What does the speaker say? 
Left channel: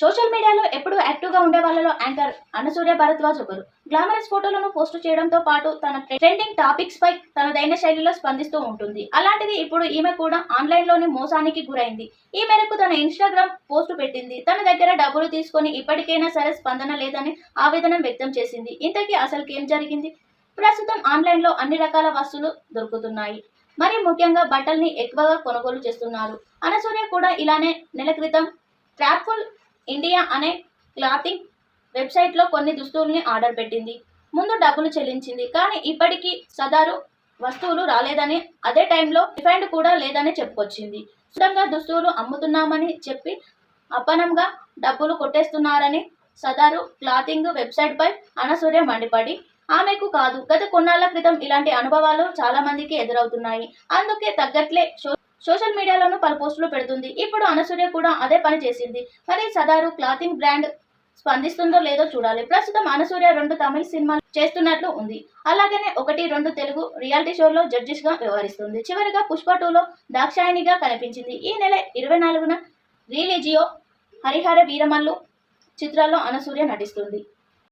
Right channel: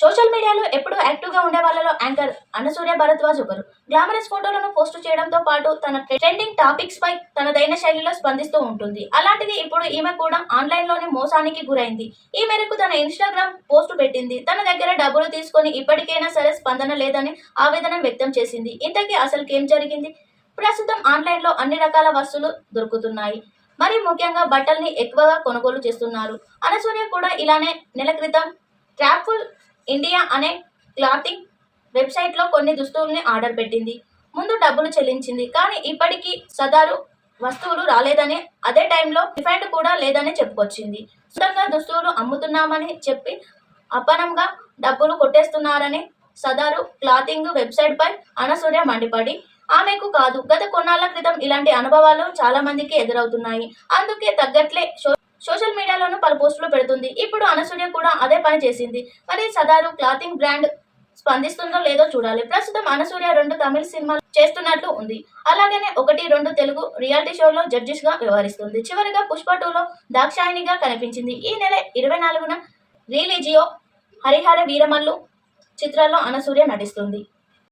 Social మీడియాలో ఎప్పుడూ యాక్టివ్గా ఉండే వాళ్ళలో యాంకర్ అనసూర్య భరద్వాజ్ ఒకరు. గ్లామరస్ ఫోటోలను పోస్ట్ చేయడంతో పాటు తన ట్రెండింగ్ టాపిక్స్ పై తనదైన శైలిలో స్పందిస్తూ ఉంటుంది. అలాంటిది ఇప్పుడు ఈమె కూడా ఆన్లైన్లోనే మోసానికి గురైంది. ఈ మేరకు తన ఇన్స్టాగ్రామ్ పోస్ట్ పెట్టింది. తన దగ్గర డబ్బులు తీసుకొని ఇప్పటికైనా సరే స్పందన లేదని ఆవేదన వ్యక్తం చేసింది. ఇంతకీ అసలు ఏం జరిగింది? ప్రస్తుతం ఆన్లైన్లో అన్ని రకాల వస్తువులు దొరుకుతున్నాయి. మరి ముఖ్యంగా బట్టల్ని ఎక్కువగా కొనుగోలు చేస్తున్నారు. అనసూర్య కూడా ఇలానే నెల క్రితం ట్రాప్ఫుల్ ఇండియా అనే క్లాతింగ్ వెబ్సైట్లో కొన్ని దుస్తుల్ని ఆర్డర్ పెట్టింది. ముందు డబ్బులు చెల్లించింది కానీ ఇప్పటికీ సదారు వస్తువులు రాలేదని అదే టైంలో రిఫైండ్ కూడా లేదని చెప్పుకొచ్చింది. సొంతంగా దుస్తువులు అమ్ముతున్నామని చెప్పి అపనంగా డబ్బులు కొట్టేస్తున్నారని సదారు క్లాతింగ్ వెబ్సైట్పై అనసూర్య మండిపడి ఆమెకు కాదు గత కొన్నాళ్ళ క్రితం ఇలాంటి అనుభవాలు చాలా మందికి ఎదురవుతున్నాయి. అందుకే తగ్గట్లే సోషల్ మీడియాలోనూ పలు పోస్టులు పెడుతుంది. ఇప్పుడు అనసూయ కూడా అదే పని చేసింది. మరి సదారు క్లాతింగ్ బ్రాండ్ స్పందిస్తుందో లేదో చూడాలి. ప్రస్తుతం అనసూయ రెండు తమిళ సినిమాలు చేస్తున్నట్లు ఉంది. అలాగనే ఒకటి రెండు తెలుగు రియాలిటీ షోలో జడ్జెస్గా వ్యవహరిస్తుంది. చివరిగా పుష్ప టూలో దాక్షాయినిగా కనిపించింది. ఈ నెల ఇరవై నాలుగున రిలీజియో హరిహర వీరమల్లు చిత్రాల్లో అనసూయ నటిస్తుంది.